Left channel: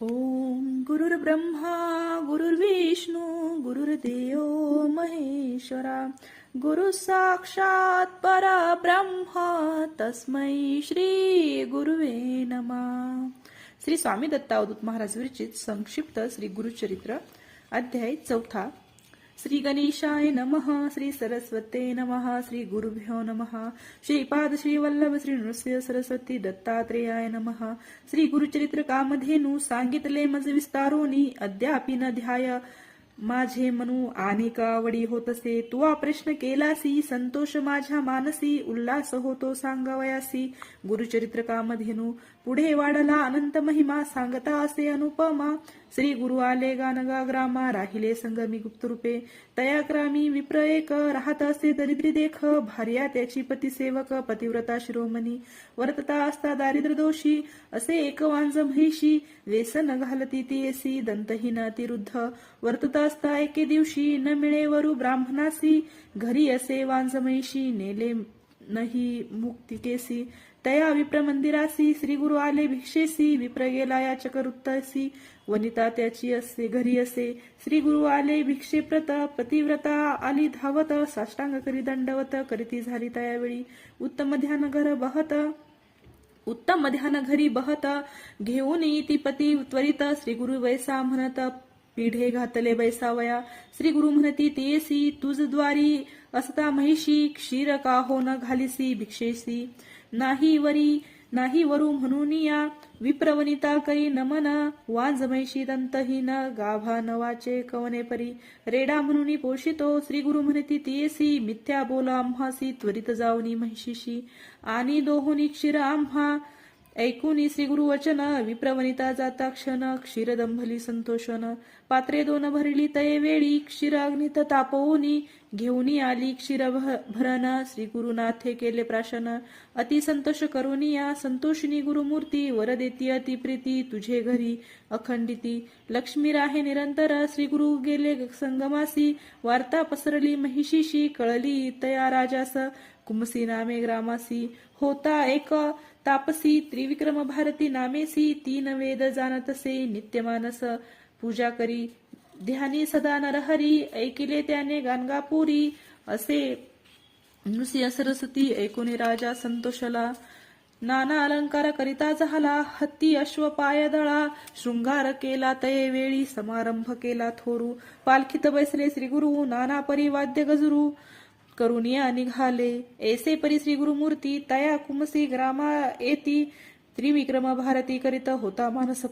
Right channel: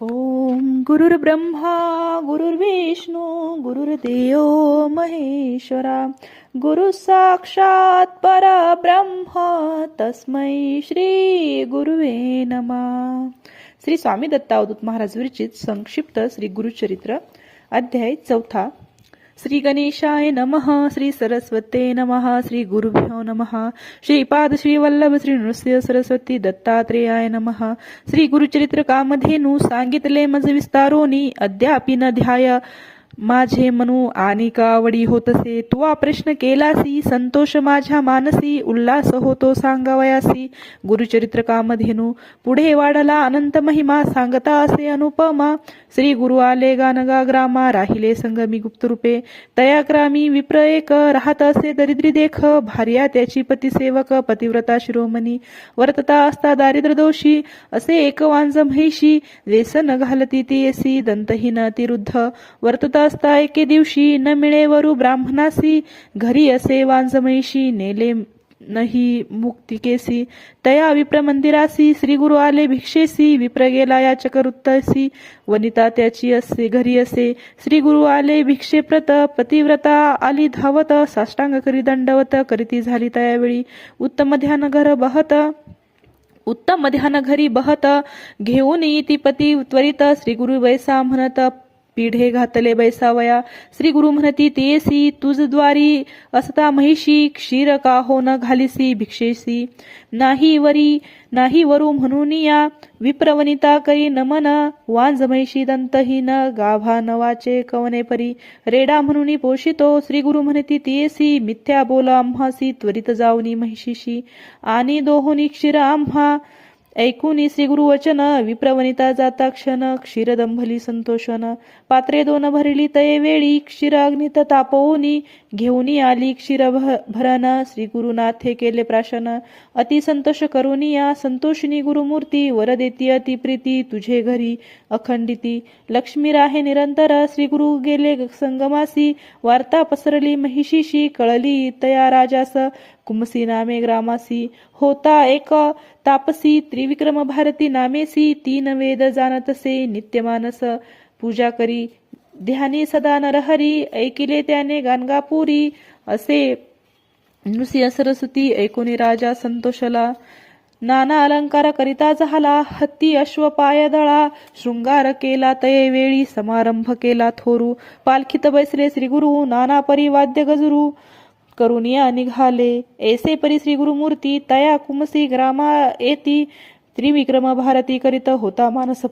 ओम गुरुर्ब्रह्मा गुरुर्विष्णू गुरुर्देव महेश्वरा गुरु साक्षात परब्रह्म तस्मै श्री गुरुवे नमा. श्री स्वामी दत्त अवधूत महाराज विरचित संक्षिप्त श्री गुरुचरित्र अध्याय चौथा श्री गणेशाय नमः श्री सरस्वते नमः श्री गुरुभ्यो नमः श्रीपाद श्री वल्लभ श्री नृसिंह सरस्वती दत्तात्रेयाय नमः श्री गुरुचरित्र कामधेनु सांगितले मज विस्तारोनी अद्यापि न ध्याय। माझे मनू आणि कावडी होतसे तुवा प्रश्न केलासी संतोष माझ्या मानसी उल्हास होतो सांगावयासी. गुरुचरित्र कामधेनू पुढे वाढला अनंत महिमा सांगता असे अनुपमा. श्री गुरु आले गानगा ग्रामा राहिले संगमी गुप्तरूपे तया ग्रामी विप्र एक राहत असे दरिद्री देख. भार्या त्याची पतिसेवक पतिव्रता शिरोमणी. वर्तता असता दारिद्र दोषी असे एक वांज म्हैशी. व्यसन घालती ती येसी दंतहीन अतिरुद्ध. वर्तता असता एके दिवशी न मिळे वरु ब्राह्मणासी. घरी असे वांजमयीशी नेले नही मुक्तिकेसी तया विप्र मंदिरासी श्री गुरु आले भिक्षेसी. विप्र गेला या चकरुत्तसी वनिता त्याची असे घरी असे. श्री गुरु आले भिक्षेप्रत पतिव्रता आली धावत. साष्टांग करी दंडवत करीती झाली तयावेळी. उत्तम ध्यान घर बहत. उत्तम ध्यान घरी बहत. घेऊन येती पती त्वरित. श्री गुरु वैसा म्हणत पिढे घातले बैसावया. श्री गुरु म्हणती तेसी तुझ द्वारी असता महिषी क्षीर का हो न घालिसी भिक्षेसी. नाही वरी नाही वरू म्हणून या विप्रवनिता करी नमन वांज महिषी दंतहीन गाभा नवाचे कवने परी. रेडा म्हणून पोषितो श्री गुरु म्हणती तेसी मिथ्या बोला आम्हासी त्वरित जाऊनी महिषीशी. आणि दोहोनी क्षीर आम्हा ऐकूनी श्री गुरुवचन विप्रवनिता जाता क्षण क्षीरदंभली संतोषन पात्रे दोन भरली तये वेळी क्षीराग्नित तापवनी तापवूनी घेऊनी आली क्षीर भरण. श्री गुरुनाथे केले प्राशन. अति संतोष करुनी या संतोषिनी गुरुमूर्ती. वर देती अति प्रीती तुझे घरी अखंडिती. लक्ष्मी राहे निरंतर श्री गुरु गेले संगमासी. वार्ता पसरली महिषीशी कळली तया राजास. कुमसी नामे ग्रामासी. होता एक तापसी त्रिविक्रम भारती नामेसी तीन वेद जाणतसे नित्यमानस पूजा करी ध्यानी सदा नरहरी ऐकिले त्याने गानगापुरी असे नृसिंह सरस्वती ऐकुनी राजा संतोषला नाना अलंकार करिता झाला हत्ती अश्व पाय दळा शृंगार केला तये वेळी समारंभ केला थोरू पालखीत बैसले श्री गुरु नाना परी वाद्य करून करुनिया निघाले. ऐसे परी श्री गुरुमूर्ती तया कुमसी ग्रामा येती. त्रिविक्रम भारती करीत होता मानस